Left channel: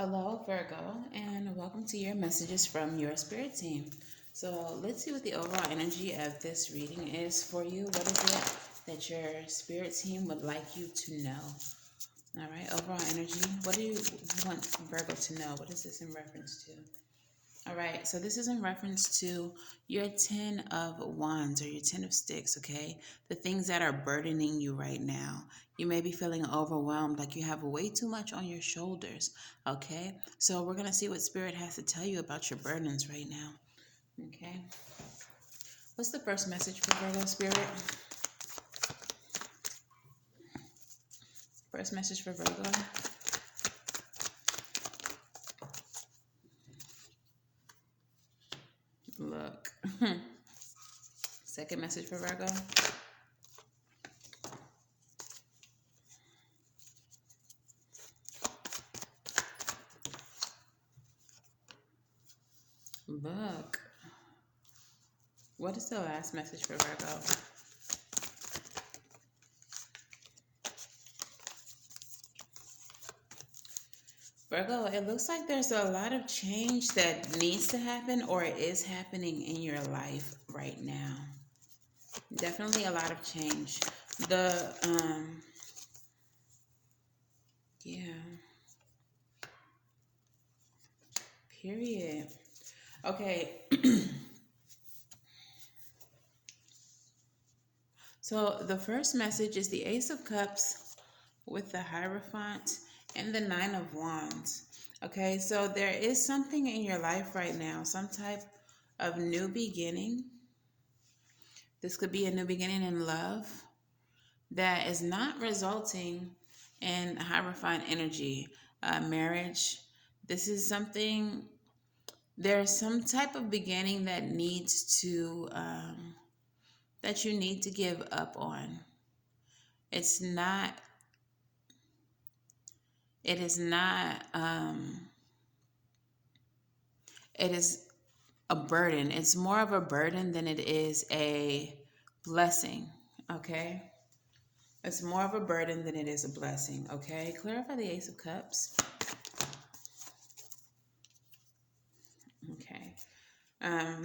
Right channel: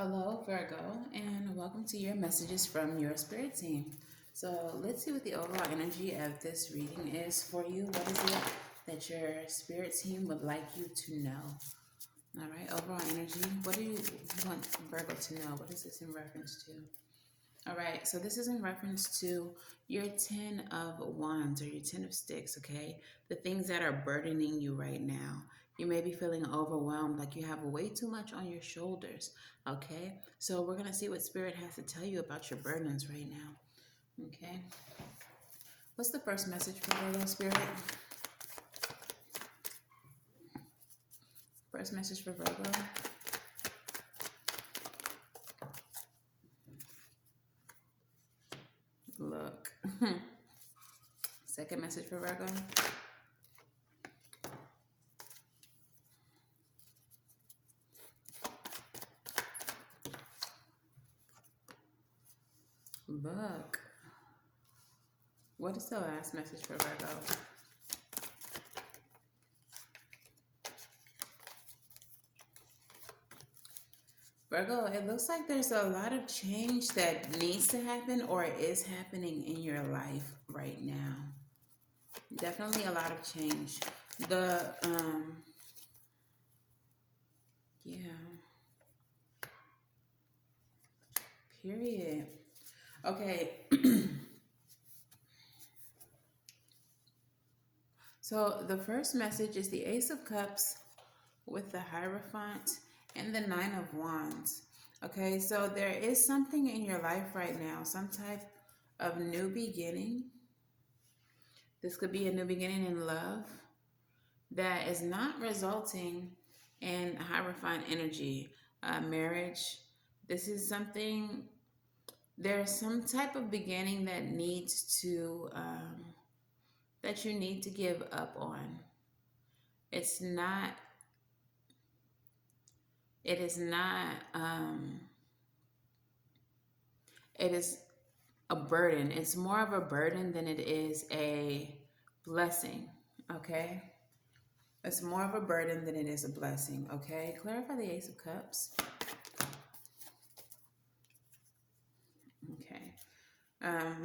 Hello, Virgo, and welcome to your messages from your spirit team. So, let's see what the overall energy of this reading is for you. What is it that your spirit team would like you to know? All right, overall energy. What do you want Virgo to know? What is this in reference to? All right, so this is in reference to your 10 of wands or your 10 of sticks, okay? The things that are burdening you right now. You may be feeling overwhelmed, like you have way too much on your shoulders, okay? So we're going to see what Spirit has to tell you about your burdens right now, okay? What's the first message for Virgo, Spirit? First message for Virgo. Look. Second message for Virgo. Look. What is the last message for Virgo? Virgo, it looks like there's a lot of change that needs to happen or is happening in your life right now. Definitely a lot of change. Yeah, period. Okay. So the first message is the Ace of Cups with the Hierophant and the Nine of Wands. Okay, so there is something in your life right now, some type of new beginning. This could be a new beginning in love that is not resulting in Hierophant energy, marriage. This is something, there's some type of beginning that needs to, that you need to give up on. It's not, it is not, it is a burden. It's more of a burden than it is a blessing, okay? It's more of a burden than it is a blessing, okay? Clarify the Ace of Cups. Okay.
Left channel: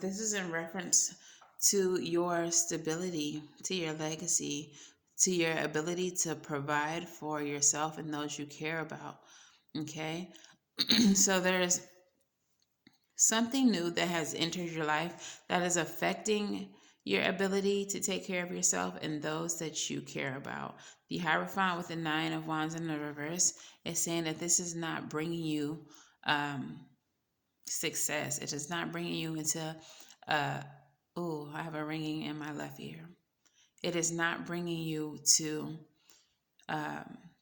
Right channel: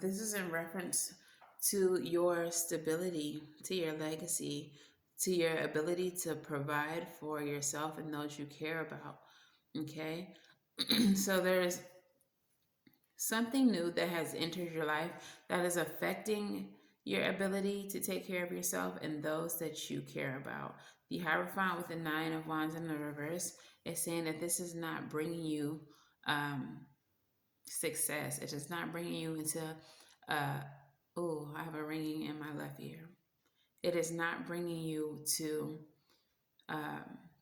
This is in reference to your stability, to your legacy, to your ability to provide for yourself and those you care about, okay? So there's something new that has entered your life that is affecting your ability to take care of yourself and those that you care about. The Hierophant with the Nine of Wands in the reverse is saying that this is not bringing you success. It is not bringing you into, oh, I have a ringing in my left ear. It is not bringing you to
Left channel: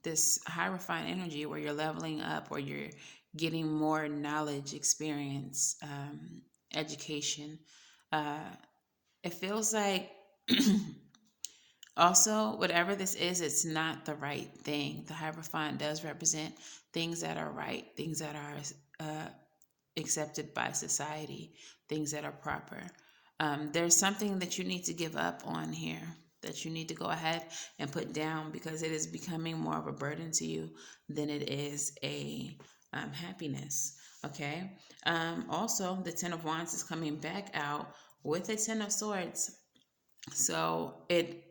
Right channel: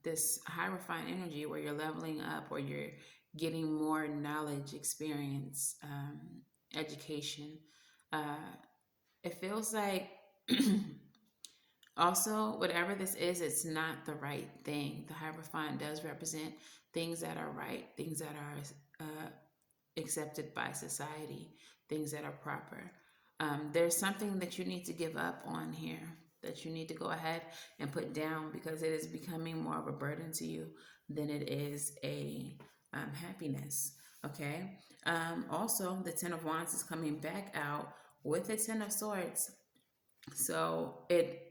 this Hierophant energy where you're leveling up, where you're getting more knowledge, experience, education. It feels like also, whatever this is, it's not the right thing. The Hierophant does represent things that are right, things that are accepted by society, things that are proper. There's something that you need to give up on here, that you need to go ahead and put down because it is becoming more of a burden to you than it is a happiness. Okay. Also, the Ten of Wands is coming back out with the Ten of Swords. So it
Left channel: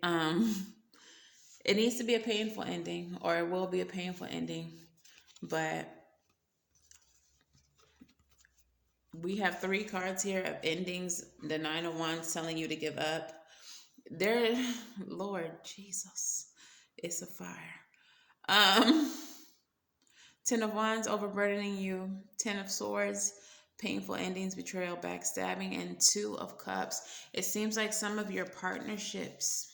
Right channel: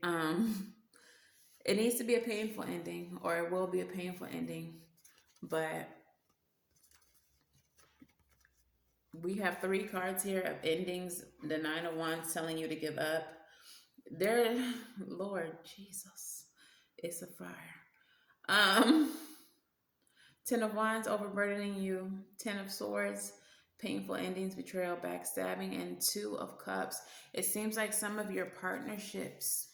needs to be a painful ending, or it will be a painful ending, but we have three cards here of endings. The Nine of Wands telling you to give up. There, Lord Jesus, it's a fire. Ten of Wands overburdening you. Ten of Swords, painful endings, betrayal, backstabbing, and Two of Cups. It seems like some of your partnerships,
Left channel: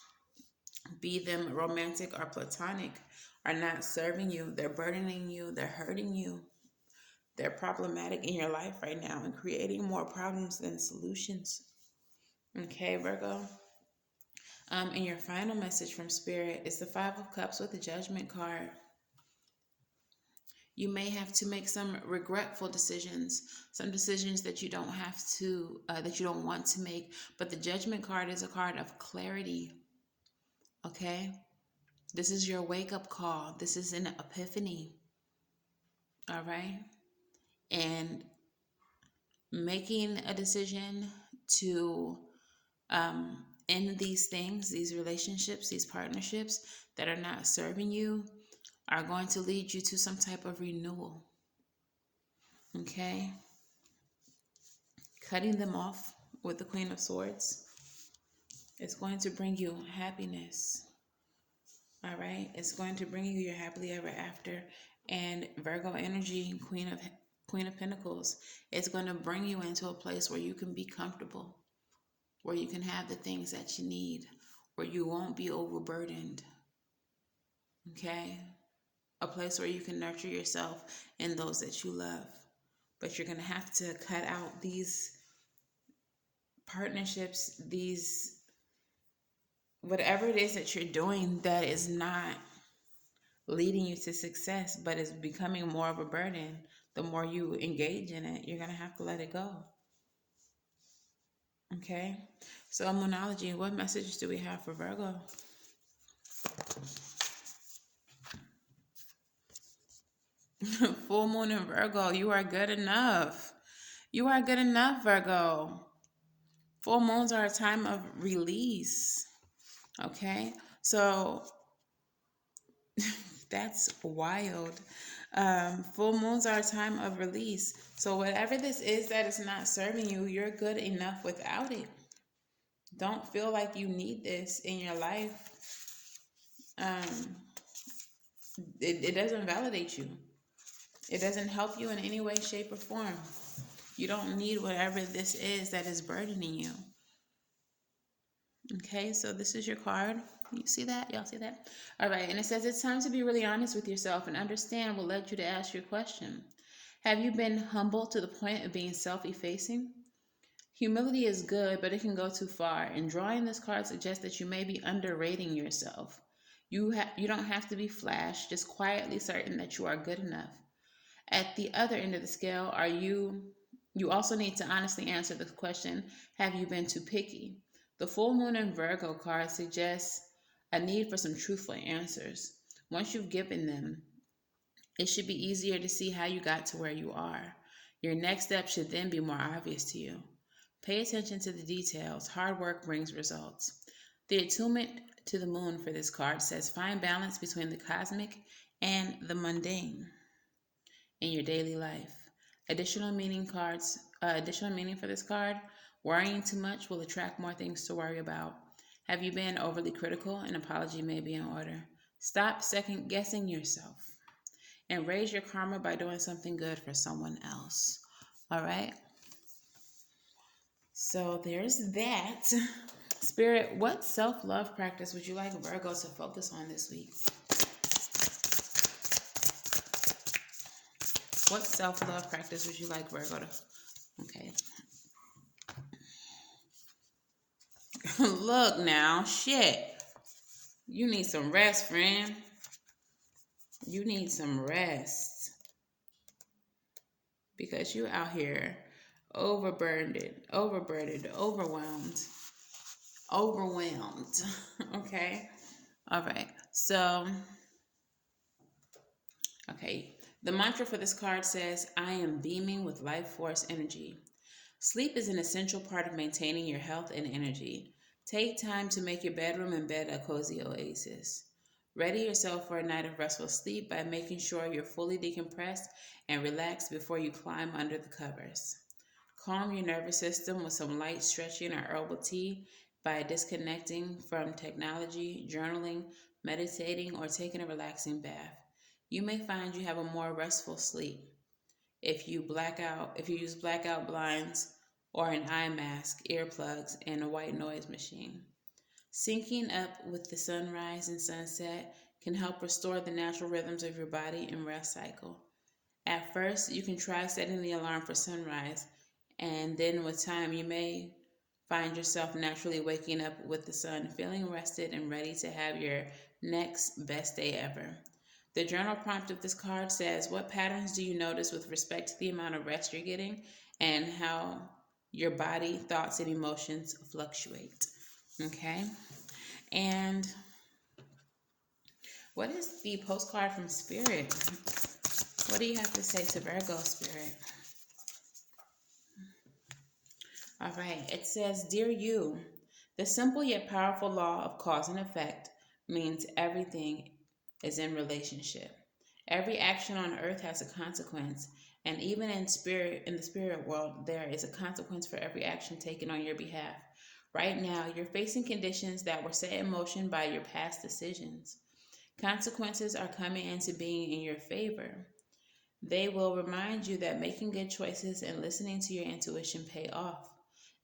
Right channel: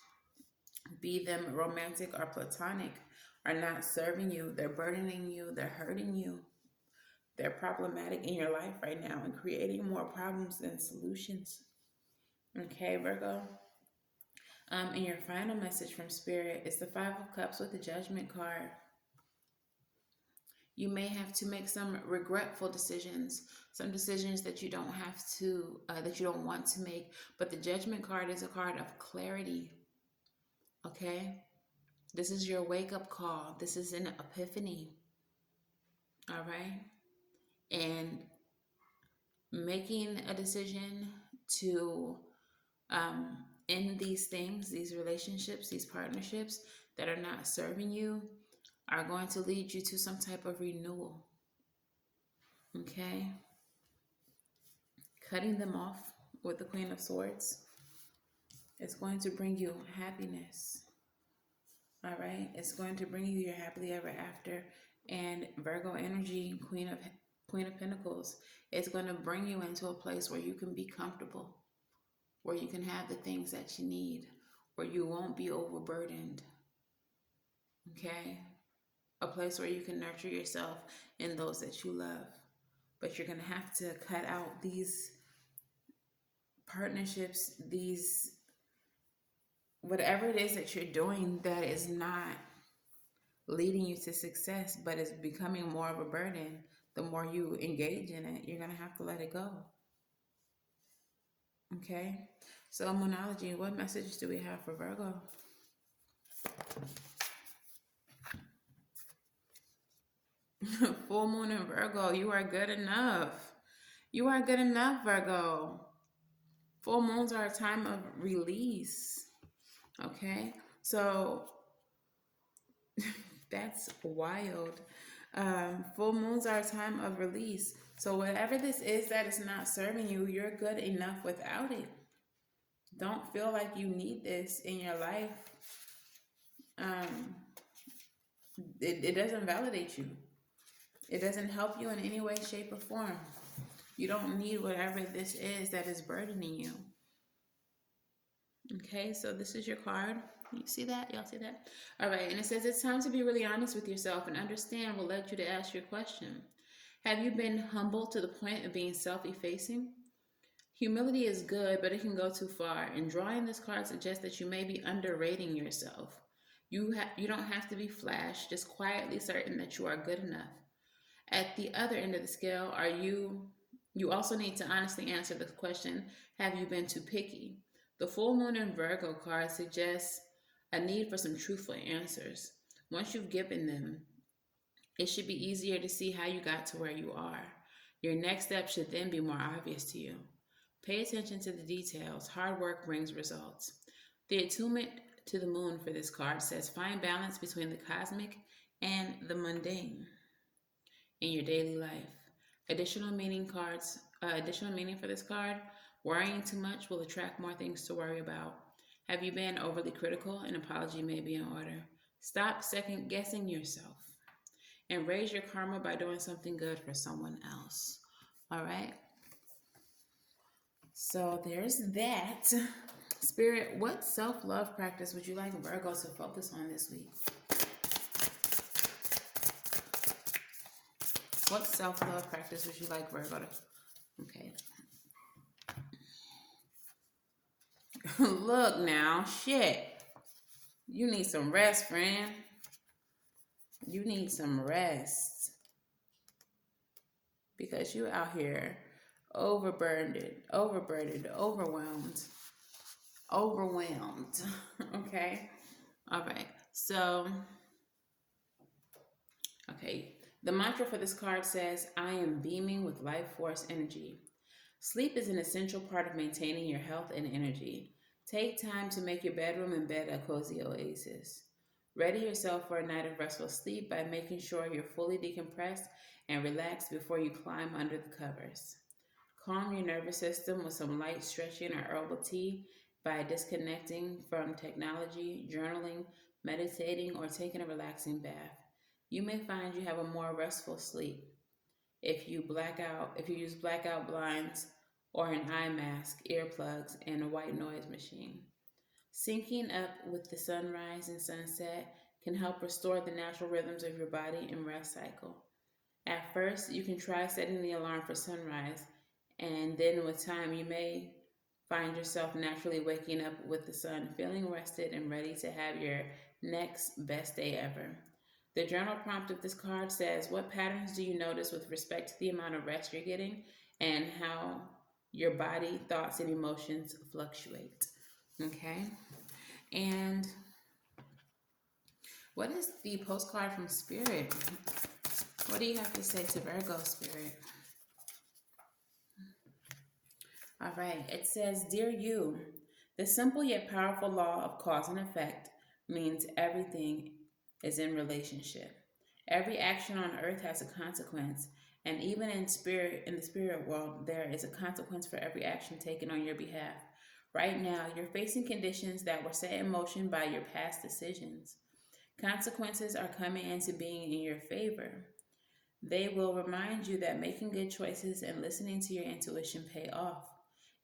be them romantic or platonic, are not serving you. They're burdening you. They're hurting you. They're problematic in your life right now and creating more problems than solutions. Okay, Virgo. And your final message from Spirit is the Five of Cups with the Judgment card. You may have to make some regretful decisions, some decisions that you don't have to, that you don't want to make. But the Judgment card is a card of clarity. Okay? This is your wake-up call. This is an epiphany. All right? and making a decision to end these things, these relationships, these partnerships that are not serving you, are going to lead you to some type of renewal. Okay? Cutting them off with the Queen of Swords is going to bring you happiness. All right? It's going to bring you your happily ever after. And Virgo energy, Queen of Pentacles, is going to bring you into a place where you can be comfortable, where you can have the things that you need, where you won't be overburdened. Okay? A place where you can nurture yourself and those that you love. But you're going to have to cut out these partnerships, these whatever it is that you're doing that is not leading you to success, but is becoming more of a burden. The more you engage in it, you're going to have to let it go. Okay? So, Moonology, what message do we have for Virgo? Full moon in Virgo, you are good enough. You are good enough, Virgo. Full moons are a time of release. Okay? So, that's wild. Full moons are a time of release. So whatever this is that is not serving you, you're good enough without it. Don't feel like you need this in your life. It doesn't validate you. It doesn't help you in any way, shape, or form. You don't need whatever this is that is burdening you. Okay, so this is your card. You see that? Y'all see that? All right, and it says it's time to be really honest with yourself and understand what led you to ask your question. Have you been humble to the point of being self-effacing? Humility is good, but it can go too far, and drawing this card suggests that you may be underrating yourself. You don't have to be flash, just quietly certain that you are good enough. At the other end of the scale, you also need to honestly answer the question, have you been too picky? The full moon in Virgo card suggests a need for some truthful answers. Once you've given them, it should be easier to see how you got to where you are. Your next step should then be more obvious to you. Pay attention to the details. Hard work brings results. The attunement to the moon for this card says find balance between the cosmic and the mundane in your daily life. Additional meaning for this card: worrying too much will attract more things to worry about. Have you been overly critical? An apology may be in order. Stop second guessing yourself and raise your karma by doing something good for someone else. All right? So there's that. Spirit, what self-love practice would you like Virgo to focus on this week? What self-love practice would you like Virgo to... Okay. Look now, shit. You need some rest, friend. You need some rest. Because you out here overburdened, overwhelmed. Okay? All right. So, okay. The mantra for this card says, I am beaming with life force energy. Sleep is an essential part of maintaining your health and energy. Take time to make your bedroom and bed a cozy oasis. Ready yourself for a night of restful sleep by making sure you're fully decompressed and relaxed before you climb under the covers. Calm your nervous system with some light stretching or herbal tea by disconnecting from technology, journaling, meditating, or taking a relaxing bath. You may find you have a more restful sleep. If you use blackout blinds or an eye mask, earplugs, and a white noise machine. Syncing up with the sunrise and sunset can help restore the natural rhythms of your body and rest cycle. At first, you can try setting the alarm for sunrise, and then with time, you may find yourself naturally waking up with the sun, feeling rested and ready to have your next best day ever. The journal prompt of this card says, what patterns do you notice with respect to the amount of rest you're getting and how your body, thoughts, and emotions fluctuate? Okay? And what is the postcard from Spirit? What do you have to say to Virgo, Spirit? All right, it says, Dear you, the simple yet powerful law of cause and effect means everything is in relationship. Every action on earth has a consequence, and even in the spirit world, there is a consequence for every action taken on your behalf. Right now, you're facing conditions that were set in motion by your past decisions. Consequences are coming into being in your favor. They will remind you that making good choices and listening to your intuition pay off.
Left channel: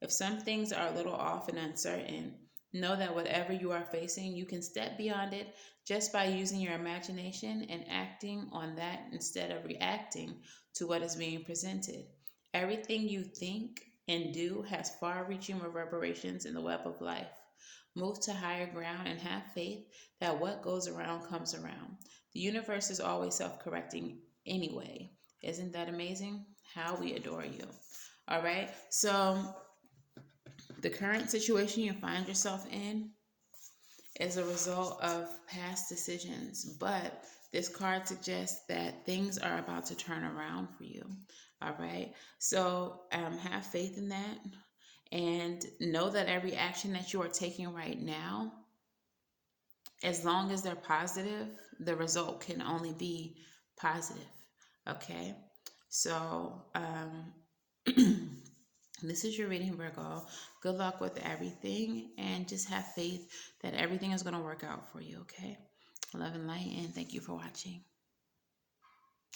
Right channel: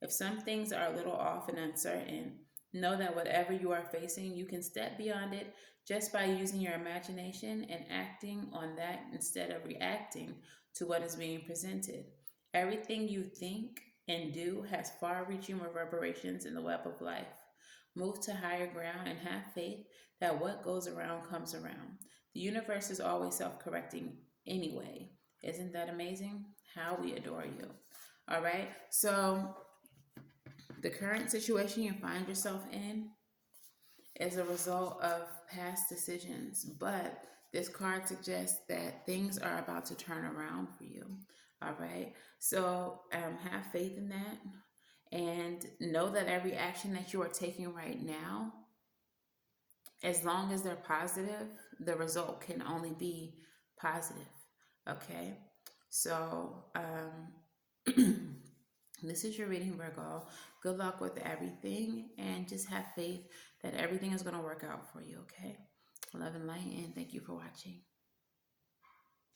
If some things are a little off and uncertain, know that whatever you are facing, you can step beyond it just by using your imagination and acting on that instead of reacting to what is being presented. Everything you think and do has far reaching reverberations in the web of life. Move to higher ground and have faith that what goes around comes around. The universe is always self correcting anyway. Isn't that amazing? How we adore you. All right. So, the current situation you find yourself in is a result of past decisions, but this card suggests that things are about to turn around for you. All right. So, have faith in that and know that every action that you are taking right now, as long as they're positive, the result can only be positive. Okay. So, this is your reading, Virgo. Good luck with everything and just have faith that everything is going to work out for you, okay? Love and light, and thank you for watching.